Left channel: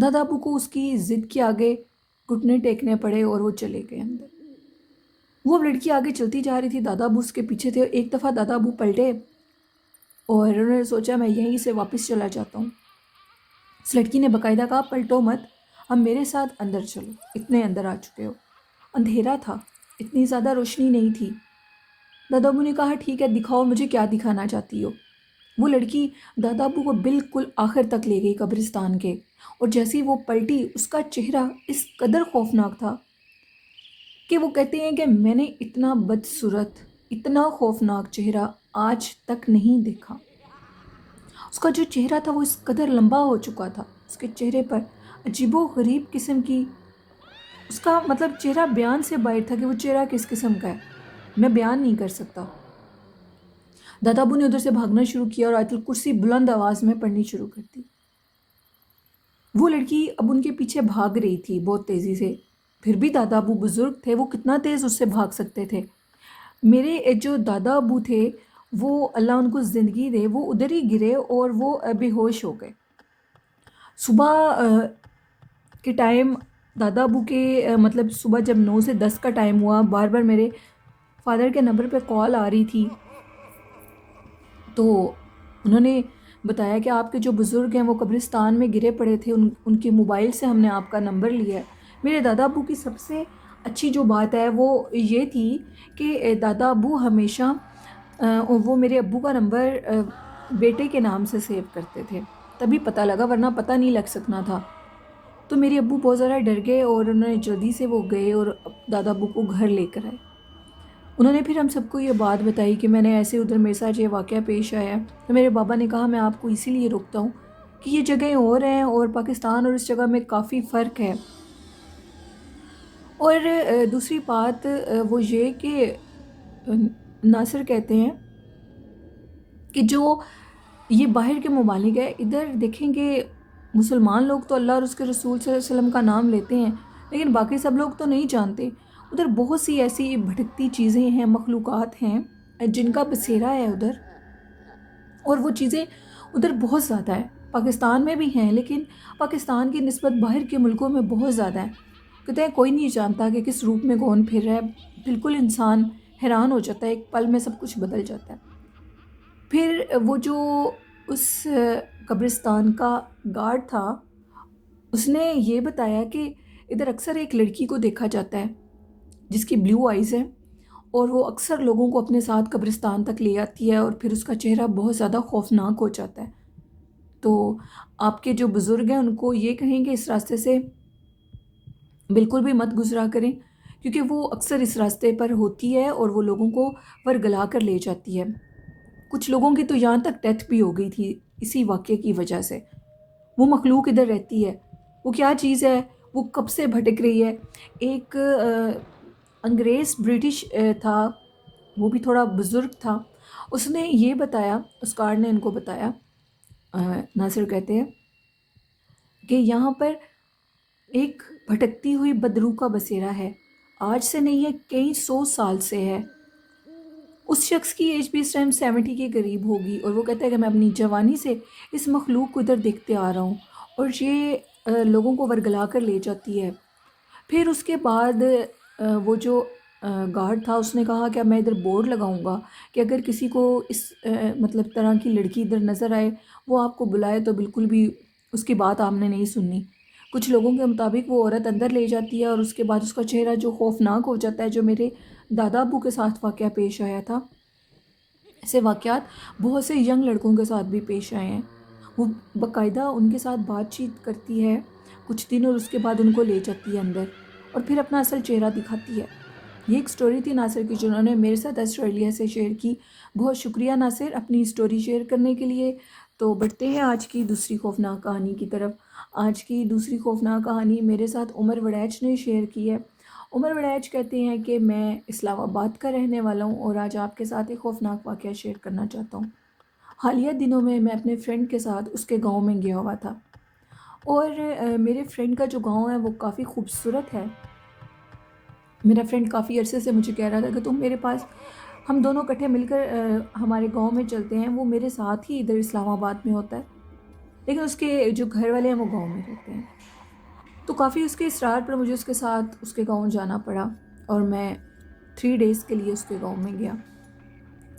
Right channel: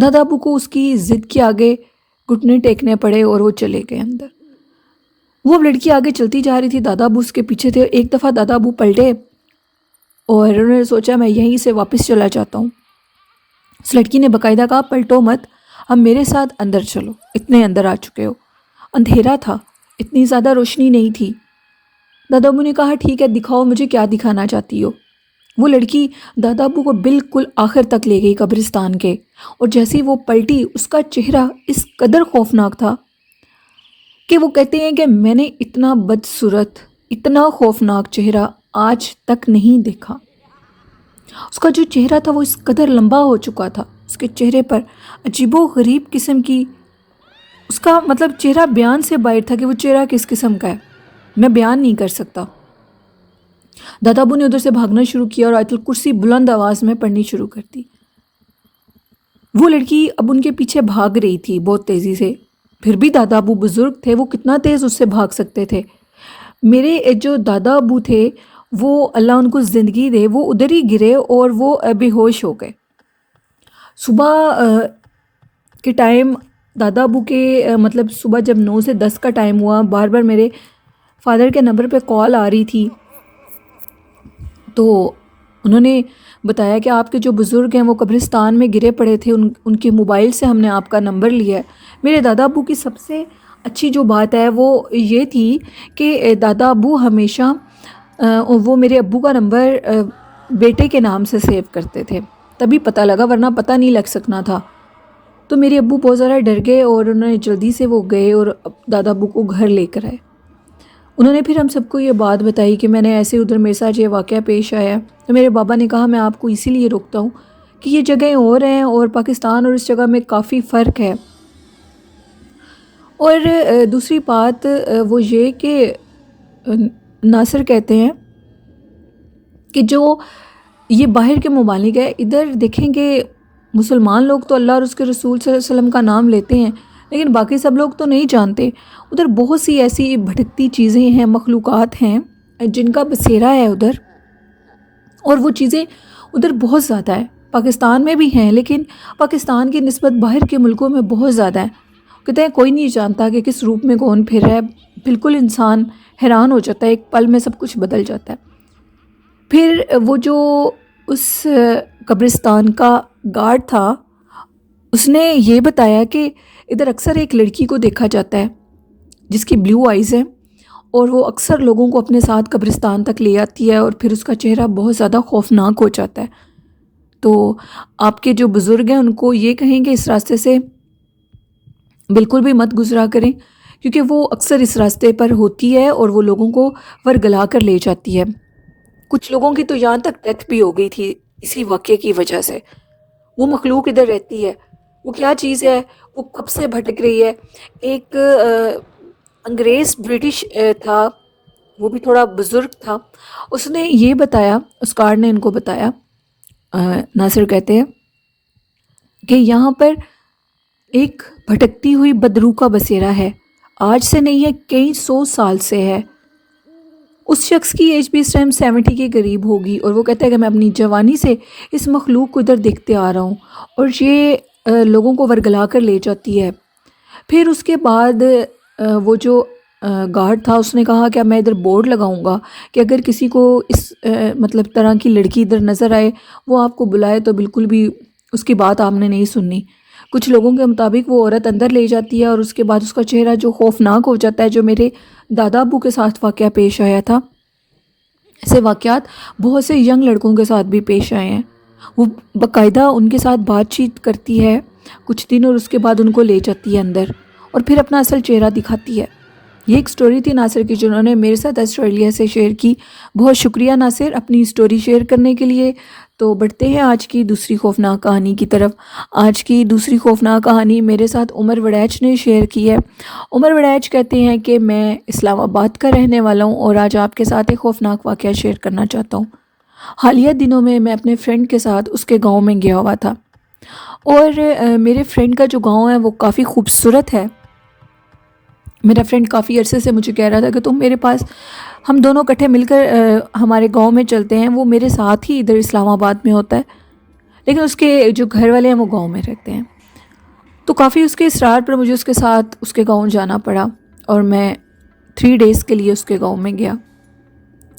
دادا ابو کو اس کی ضد کے آگے گھٹنے ٹیکنے پڑے اور وہ چلے گئے اندر۔ وہ اب لڑکی آگے چلتی جا رہی تھی، دادا ابو اس کے پیچھے تھے۔ ایک دفعہ دادا ابو پلٹے اور انہوں نے سوچا میں یہیں سے واپس چلا جاتا ہوں۔ اس لڑکی نے باقاعدہ کہا پلٹو مت، اب میرے ساتھ اندر چلو، اتنے اندر آ چکے ہو۔ اندھیرا تھا، اتنی زیادہ روشنی نہیں تھی۔ دادا ابو نے کہا ٹھیک ہے، دکھاؤ مجھے کیا دکھانا چاہتی ہو۔ وہ لڑکی دادا ابو کو بالکل آخر تک لے گئی قبرستان کے، اور جیسی وہ پلٹی اس کا چہرہ اس قدر خوفناک تھا کہ وہ کہتے ہیں کہ میں نے اتنا بدصورت، اتنا خوفناک چہرہ آج تک نہیں دیکھا۔ اس کا جو چہرہ تھا وہ اس قدر لمبا ہو چکا تھا، اس کے چہرے پر عجیب و غریب قسم کی، اس کا مطلب چہرہ بیان سے باہر تھا کہ وہ چہرہ کس قسم کا ہے، میں بیان نہیں کر سکتا۔ دادا ابو نے ادھر سے بھاگنا شروع کیا اور آیت الکرسی بلند آواز میں پڑھنی شروع کر دی۔ وہ لڑکی اب ان کے پیچھے بھاگ رہی تھی بہت تیزی سے، پھر بھی دادا ابو بزرگ تھے، وہ کتنا تیز اس سے بھاگ سکتے تھے۔ میرے جو دادا ابو تھے وہ اللہ ان کو زندگی دے، وہ ادھر ہی گرے اور وہ بے ہوش ہو گئے۔ صبح کے ٹائم دادا ابو کے مطلب صبح جب 9 سے 10 کا ٹائم ہوا، بار بار میرے فادر کے نمبر پہ کال آ رہی تھی، تو انہوں نے بتایا کہ آپ کے جو بزرگ ہیں وہ قبرستان میں گرے پڑے تھے، ان کے موبائل سے ہم نے آپ کا نمبر لیا ہے۔ میرے دادا ابو کی سب سے اچھی جو بات ہے وہ یہ تھی کہ دادا ابو ہمیشہ وہ میرے ابو کا نمبر بیٹے کے نام سے سیو کرتے تھے، تبھی پتہ لگا، ورنہ پتہ نہیں لگ سکنا تھا۔ تو میرے ابو بہت زیادہ ڈر گئے اور انہوں نے جلدی سے وہ گئے اور دادا ابو کو گھر لے کر آئے۔ انہوں نے پھر ہم سب کو یہ بات بتائی کہ میں نے ایسے ادھر میرے ساتھ یہ واقعہ پیش آیا ہے۔ تو میرے بابا نے کہا میں آپ کو اسی لیے روکتا ہوں کہ یہ جگہیں اور ہیں اور پاکستان اور اس جگہ میں کافی فرق ہے۔ اور دوسری بات وہ یہ کہ ناصر کہتے ہیں کہ جو یہ باہر کے ممالک ہے، ادھر دیکھیں کہ مسلمان لوگ تو اللہ اور اس کے رسول صلی اللہ علیہ وسلم کا نام لیتے ہیں، لیکن باقی سب لوگ تو نہیں جانتے۔ ادھر بہت سی ایسی بھٹکتی چیزیں ہیں، مخلوقات ہیں جن کا بسیرا ہے ادھر، اور وہ چیزیں ادھر بہت زیادہ ہیں۔ پاکستان میں بھی ہیں لیکن پاکستان کی نسبت باہر کے ملکوں میں بہت زیادہ ہیں۔ کہتے ہیں کوئی نہیں جانتا کہ کس روپ میں کون پھر رہا ہے، بالکل انسان حیران ہو جاتا ہے، ایک پل میں سب کچھ بدل جاتا ہے۔ پھر وہ جو اس قبرستان کا گارڈ تھا اس نے یہ بتایا کہ ادھر اکثر ایک لڑکی کو دیکھا جاتا ہے جس کی بلیو آئیز ہیں، اور وہ اکثر لوگوں کو اپنے ساتھ قبرستان تک لے آتی ہے اور پھر اس کا چہرہ بہت زیادہ خوفناک ہو جاتا ہے۔ تو آپ کے جو بزرگ ہیں ان کو یہ کہیں کہ اس راستے سے بالکل بھی مت گزرا کریں، کیونکہ وہ اکثر اس راستے پر ہوتی ہے اور وہ لوگوں کو ورگلا کر لے جاتی ہے۔ کچھ لوگوں کی تو یہاں تک ڈیتھ بھی ہو گئی تھی اسی واقعے کی وجہ سے۔ وہ مخلوق ادھر رہتی ہے، وہ کیا چیز ہے، وہ کب سے بھٹک رہی ہے۔ ایک انگریز برٹش تھا، وہ بھی تھوڑا بزرگ تھا، اس نے یہ بتایا، اس کارڈ نے ان کو بتایا، ناصر کہتے ہیں کہ یہاں پر ایک بھٹکتی ہوئی بدروح کا بسیرا ہے، آج سے نہیں ہے، کئی 100 سال سے ہے۔ اس شخص کی ایج بھی اس ٹائم 70 کے قریب ہوگی، اور وہ کہتا ہے کہ میں اپنی جوانی سے اس مخلوق کو ادھر دیکھتے آ رہا ہوں اور یہ لوگوں کو ورگلا کر لے جاتی ہے۔ پھر اس کے بعد وہ جو گارڈ تھا اس نے کہا کہ اب میں ادھر بورڈ لگاؤں گا کہ اگر کسی کو اس مطلب طرح کی لڑکی ادھر نظر آئے، وہ آپ کو بلائے تو بالکل بھی اس کی بات آپ نے نہیں سننی۔ کچھ لوگوں کے مطابق وہ عورت اندر لے جاتی ہے اور اس کے بعد اس کا چہرہ جو خوفناک ہو جاتا ہے، جو میرے دادا ابو کے ساتھ واقعہ پیش آیا تھا، ایسے واقعات بہت سے ینگ لڑکوں کے ساتھ بھی پیش آئے ہیں۔ وہ باقاعدہ ان کے ساتھ بات چیت کرتی ہے کچھ دن اور اس کے بعد ان کو لے جاتی ہے اندر اور پھر اپنا اصل چہرہ دکھاتی ہے۔ یہ ایک سٹوری تھی ناصر کی جنہوں نے میرے ساتھ آسٹریلیا سے شیئر کی۔ بہت شکریہ ناصر اپنی سٹوری شیئر کرنے کے لیے۔ تو بڑھتے ہیں آج کی دوسری خوفناک کہانی کی طرف۔ آج کی دوسری خوفناک کہانی میرے ساتھ عمر وڑیچ نے شیئر کی ہے۔ عمر وڑیچ کہتے ہیں کہ میں اسلام آباد کا رہنے والا ہوں اور آج آپ کے ساتھ ایک خوفناک واقعہ شیئر کرنا چاہتا ہوں۔ حالیہ دنوں میں اپنے فرینڈ کے ساتھ اس کے گاؤں میں گیا ہوا تھا، اور میرے فرینڈ کا جو گاؤں ہے وہ کافی خوبصورت ہے۔ میرا فرینڈ کافی عرصے سے مجھے کہہ رہا تھا کہ تم میرے پاس، ہم دونوں اکٹھے مل کر ہمارے گاؤں میں چلتے ہیں۔ وہ میرے ساتھ ہی ادھر اسلام آباد میں ہوتا ہے، لیکن اس کے جو گھر والے ہیں وہ گاؤں میں رہتے ہیں۔ تو کافی اس کے اصرار پر مجھے اس کے ساتھ اس کے گاؤں جانا پڑا، اور میں 3 ڈیز کے لیے اس کے گاؤں میں گیا۔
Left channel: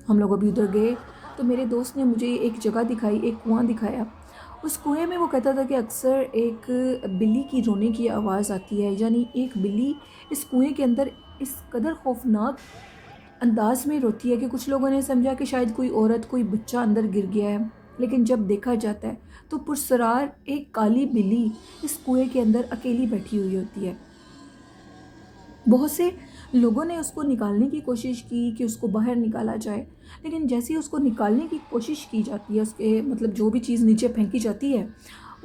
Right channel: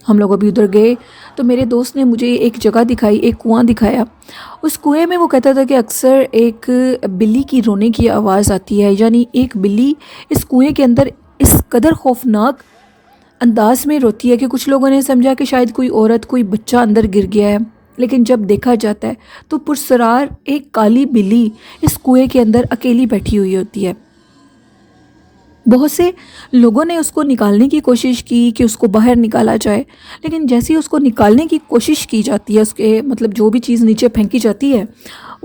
ہم لوگ ابھی ادھر گئے تو میرے دوست نے مجھے ایک جگہ دکھائی، ایک کنواں دکھایا۔ اس کنویں میں وہ کہتا تھا کہ اکثر ایک بلی کی رونے کی آواز آتی ہے، یعنی ایک بلی اس کنویں کے اندر اس قدر خوفناک انداز میں روتی ہے کہ کچھ لوگوں نے سمجھا کہ شاید کوئی عورت، کوئی بچہ اندر گر گیا ہے، لیکن جب دیکھا جاتا ہے تو پرسرار ایک کالی بلی اس کنویں کے اندر اکیلی بیٹھی ہوئی ہوتی ہے۔ بہت سے لوگوں نے اس کو نکالنے کی کوشش کی کہ اس کو باہر نکالا جائے، لیکن جیسے ہی اس کو نکالنے کی کوشش کی جاتی ہے، اس کے مطلب جو بھی چیز نیچے پھینکی جاتی ہے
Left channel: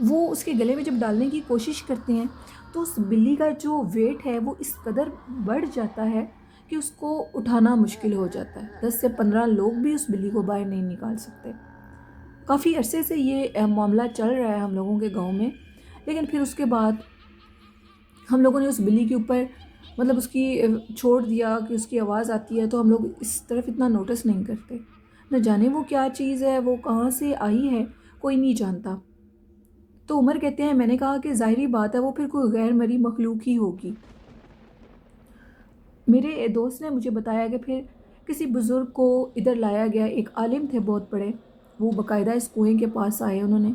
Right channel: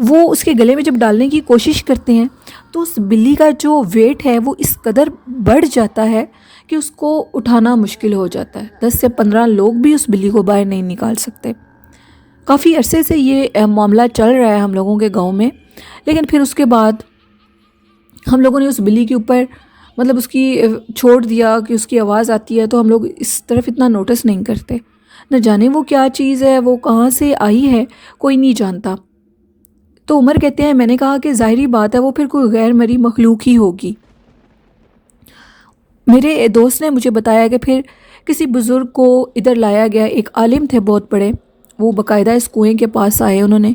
وہ اس کے گلے میں جب ڈالنے کی کوشش کرتے ہیں تو اس بلی کا جو ویٹ ہے وہ اس قدر بڑھ جاتا ہے کہ اس کو اٹھانا مشکل ہو جاتا ہے۔ 10 سے 15 لوگ بھی اس بلی کو باہر نہیں نکال سکتے۔ کافی عرصے سے یہ معاملہ چل رہا ہے ہم لوگوں کے گاؤں میں، لیکن پھر اس کے بعد ہم لوگوں نے اس بلی کے اوپر مطلب اس کی چھوڑ دیا کہ اس کی آواز آتی ہے تو ہم لوگ اس طرف اتنا نوٹس نہیں کرتے۔ نہ جانے وہ کیا چیز ہے، وہ کہاں سے آئی ہے، کوئی نہیں جانتا۔ تو عمر کہتے ہیں، میں نے کہا کہ ظاہری بات ہے وہ پھر کوئی غیر مری مخلوق ہی ہوگی۔ میرے دوست نے مجھے بتایا کہ پھر کسی بزرگ کو ادھر لایا گیا، ایک عالم تھے بہت بڑے، وہ باقاعدہ اس کنویں کے پاس آئے، انہوں نے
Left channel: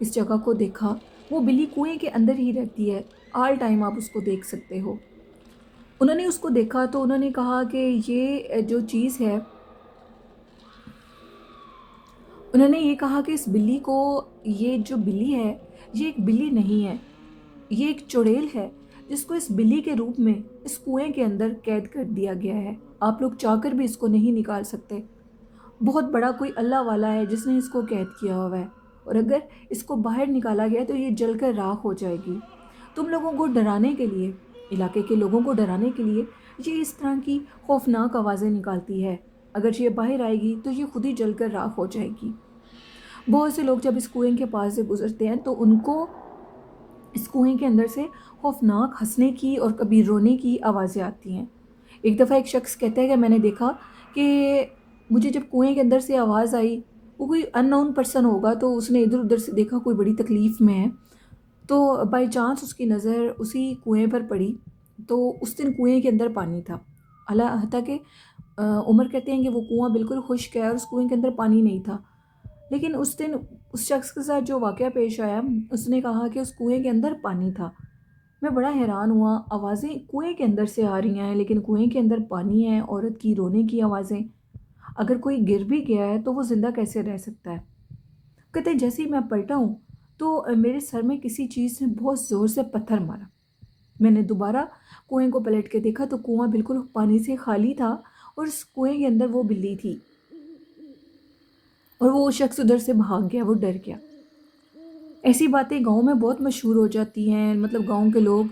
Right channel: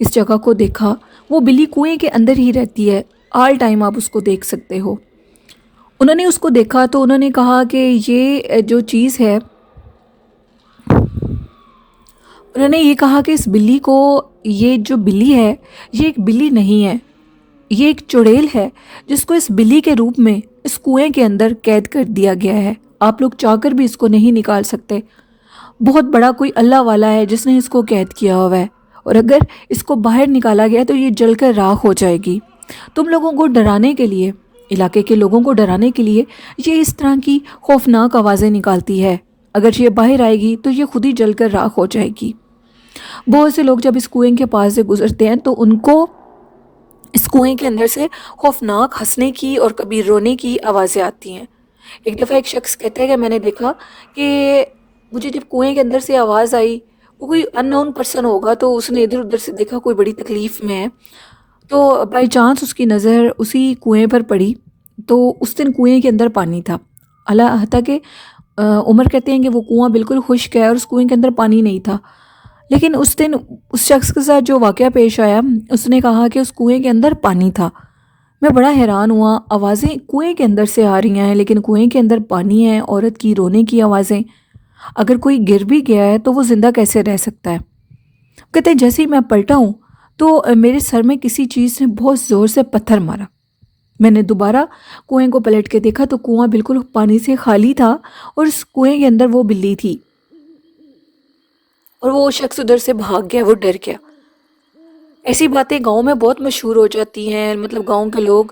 اس جگہ کو دیکھا۔ وہ بلی کنویں کے اندر ہی رہتی ہے، آل ٹائم آپ اس کو دیکھ سکتے ہو۔ انہوں نے اس کو دیکھا تو انہوں نے کہا کہ یہ جو چیز ہے، انہوں نے یہ کہا کہ اس بلی کو، یہ جو بلی ہے یہ ایک بلی نہیں ہے، یہ ایک چڑیل ہے جس کو اس بلی کے روپ میں اس کنویں کے اندر قید کر دیا گیا ہے۔ آپ لوگ چاہ کر بھی اس کو نہیں نکال سکتے۔ بہت بڑا کوئی اللہ والا ہے جس نے اس کو قید کیا ہوا ہے، اور اگر اس کو باہر نکالا گیا تو یہ جل کر راکھ ہو جائے گی۔ تم لوگوں کو ڈرانے کے لیے، علاقے کے لوگوں کو ڈرانے کے لیے یہ اس طرح کی خوفناک آوازیں نکالتی ہے۔ اگر یہ باہر آئے گی تو یہ خود ہی جل کر راکھ ہو جائے گی۔ بہت سے لوگ جب اس کنویں کے پاس سے گزرتے ہیں تو ان کو اس کنویں کے اندر سے خوفناک ہنسنے کی اور کبھی رونے کی آوازیں آتی ہیں۔ ایک دفعہ ایک شخص کہتا ہے کہ میں نے دیکھا کہ مجھے جب کنویں کے اندر سے آواز آئی، وہ کوئی ان نون پرسن ہوگا، تو اس نے ادھر ادھر سے دیکھا کوئی بڑی تکلیف میں ہے، تو بائی چانس اس کی نظر اسی کنویں پر پڑی، تو اس دن کنویں کے اندر پانی تھا۔ اللہ حتیٰ کہ عمر کہتے ہیں کہ وہ کنواں بالکل خشک ہے اور اس کنویں کے اندر پانی نہیں تھا، لیکن اس دن اس شخص کے ساتھ جو واقعہ پیش آیا، اس نے کہا کہ اس کنویں کے اندر پانی تھا۔ میں بڑا حیران ہوا، آوازیں کنویں کے اندر سے آ رہی ہیں لیکن کنویں کے اندر پانی ہے، عورت کی رونے کی آوازیں۔ اگر کوئی گر بھی گیا ہے تو وہ زندہ کیسے رہ سکتا ہے؟ کہتے ہیں جیسے ہی میں پلٹا ہوں تو میرے سر میں کسی چیز نے بہت زور سے پتھر مارا۔ میں نے دوبارہ کنویں کو پلٹ کے دیکھا تو کنواں بالکل پانی سے خالی تھا، اور اس کنویں کے اندر وہ بلی تھی، اور وہ شخص ادھر سے بھاگ گیا، وہ ڈر گیا۔ ایسی باتیں گاؤں میں بہت مشہور ہو جاتی ہیں، مطلب گاؤں کے لوگ،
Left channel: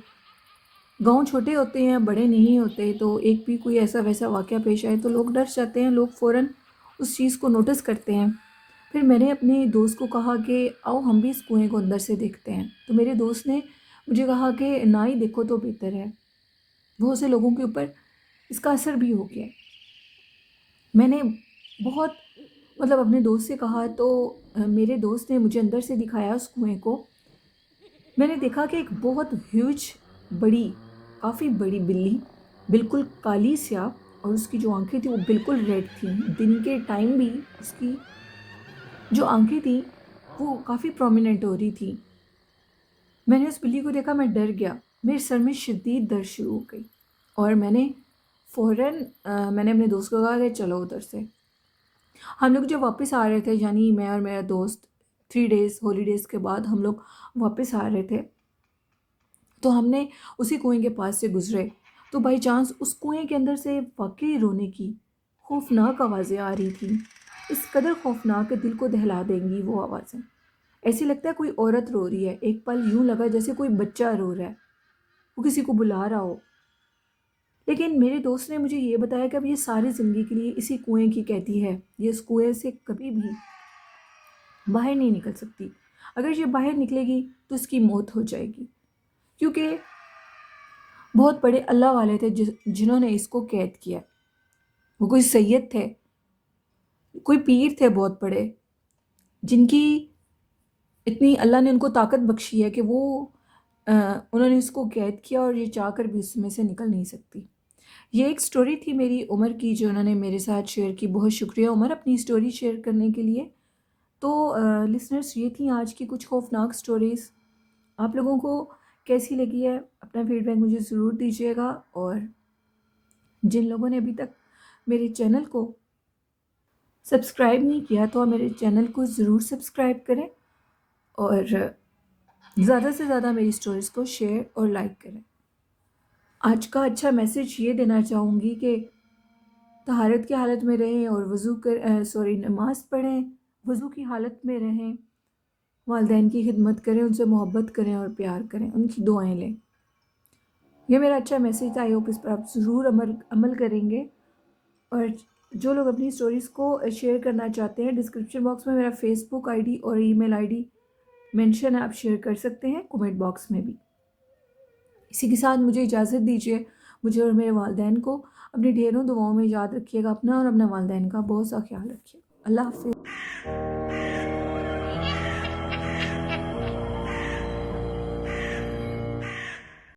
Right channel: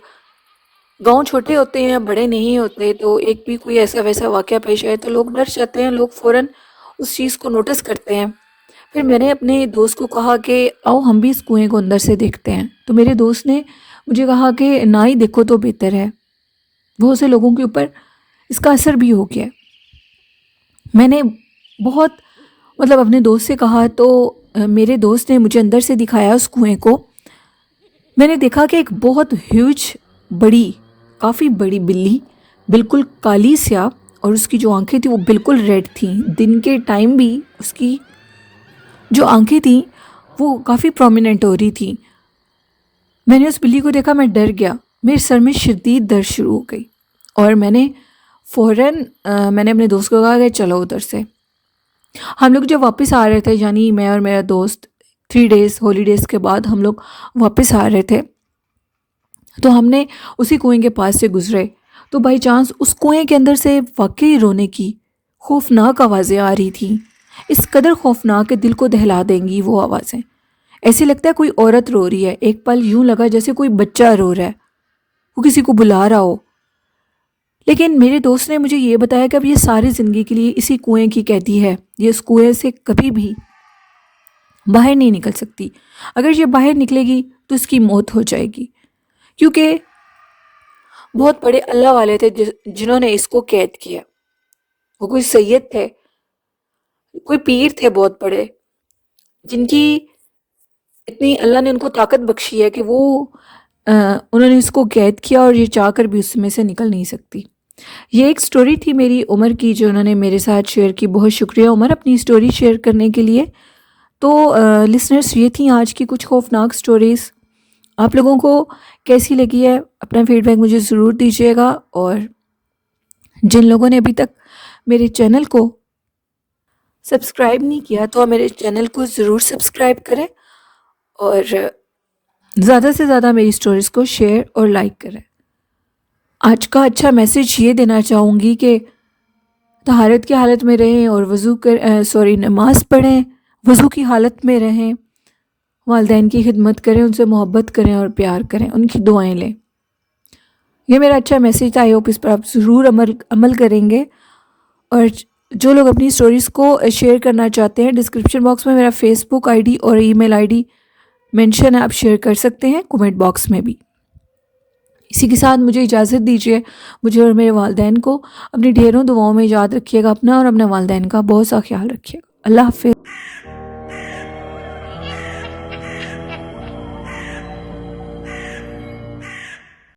گاؤں چھوٹے ہوتے ہیں، بڑے نہیں ہوتے، تو ایک بھی کوئی ایسا ویسا واقعہ پیش آئے تو لوگ ڈر جاتے ہیں، لوگ فوراً اس چیز کو نوٹس کرتے ہیں۔ پھر میں نے اپنے دوست کو کہا کہ آؤ ہم بھی اس کنویں کو اندر سے دیکھتے ہیں، تو میرے دوست نے مجھے کہا کہ نہ ہی دیکھو تو بہتر ہے، بہت سے لوگوں کے اوپر اس کا اثر بھی ہو گیا ہے۔ میں نے بہت مطلب اپنے دوست سے کہا تو میرے دوست نے مجھے اندر سے دکھایا اس کنویں کو۔ میں نے دیکھا کہ ایک بہت ہیوج، بڑی، کافی بڑی بلی، بالکل کالی سیاہ، اور اس کی جو آنکھیں تھیں وہ بالکل ریڈ تھیں۔ دن کے ٹائم بھی اس کی جو آنکھیں تھیں وہ کافی پرومیننٹ ہو رہی تھیں۔ میں نے اس بلی کو دیکھا، میں ڈر گیا، میرے سر میں شدید درد شروع ہو گئی، اور میں نے فوراً میں نے اپنے دوست کو کہا کہ چلو ادھر سے۔ ہم لوگ جب واپس آ رہے تھے، یعنی میں اور میرا دوست 3 ڈیز ہالیڈیز کے بعد ہم لوگ واپس آ رہے تھے، تو ہم نے اسی کنویں کے پاس سے گزرے، تو بائی چانس اس کنویں کے اندر سے واقعی رونے کی خوفناک آوازیں آ رہی تھیں، اس قدر خوفناک کہ دل کو دہلا دیں گی وہ آوازیں۔ ایسے لگتا ہے کوئی عورت رو رہی ہے، ایک پل یوں لگا جیسے کوئی بچہ رو رہا ہے، وہ کسی کو بلا رہا ہو۔ لیکن میرے دوست نے مجھے یہ بتایا کہ اب یہ ساری زندگی کے لیے اسی کنویں کی قیدی ہے، یہ اس کنویں سے کبھی بھی باہر نہیں نکل سکتی۔ اگر یہ باہر نکلے گی تو اس کی موت ہو جائے گی، کیونکہ بہت بڑے اللہ والے تھے جنہوں نے اس کو قید کیا۔ وہ کوئی سید تھے، کوئی پیر تھے بہت بڑے، جن کی اتنی اللہ نے ان کو طاقت بخشی ہے کہ وہ انہوں نے اس کو قید کیا اور یہ چاہ کر بھی اس میں سے نکل نہیں سکتی۔ یہ ایک سٹوری تھی میری عمر کی جو انہوں نے میرے ساتھ شیئر کی۔ بہت شکریہ عمر اپنی سٹوری شیئر کرنے کے لیے۔ تو لسنرس، یہ تھیں آج کی کچھ خوفناک سٹوریز۔ آپ لوگوں کو کیسی لگی ہے اپنا فیڈ بیک مجھے ضرور دیجیے گا، اور جن لوگوں نے ابھی تک میرے چینل کو سبسکرائب نہیں کیا تو میرے چینل کو ضرور سبسکرائب کریں، اور زیادہ سے زیادہ میری سٹوریز کو شیئر اور لائک کریں۔ آج کا اچھا میسیج یہ دینا چاہوں گی کہ طہارت کی حالت میں رہیں اور نماز پڑھیں، وضو کی حالت میں رہیں، والدین کی خدمت کریں، ان سے محبت کریں اور پیار کریں، ان کی دعائیں لیں۔ یہ میرا اچھا میسیج تھا، آئی ہوپ اس پر آپ ضرور عمل کریں گے۔ اور جو لوگ اپنی سٹوریز کو شیئر کرنا چاہتے ہیں، ڈسکرپشن باکس میں میرا فیس بک آئی ڈی اور ای میل آئی ڈی مینشن ہے، آپ شیئر کر سکتے ہیں کومنٹ باکس میں بھی۔ اسی کے ساتھ مجھے اجازت دیجیے، مجھے اور میرے والدین کو اپنی ڈھیروں دعاؤں میں یاد رکھیے گا، اپنا اور اپنے والدین کا بہت سا خیال رکھیے گا۔ اللہ حافظ۔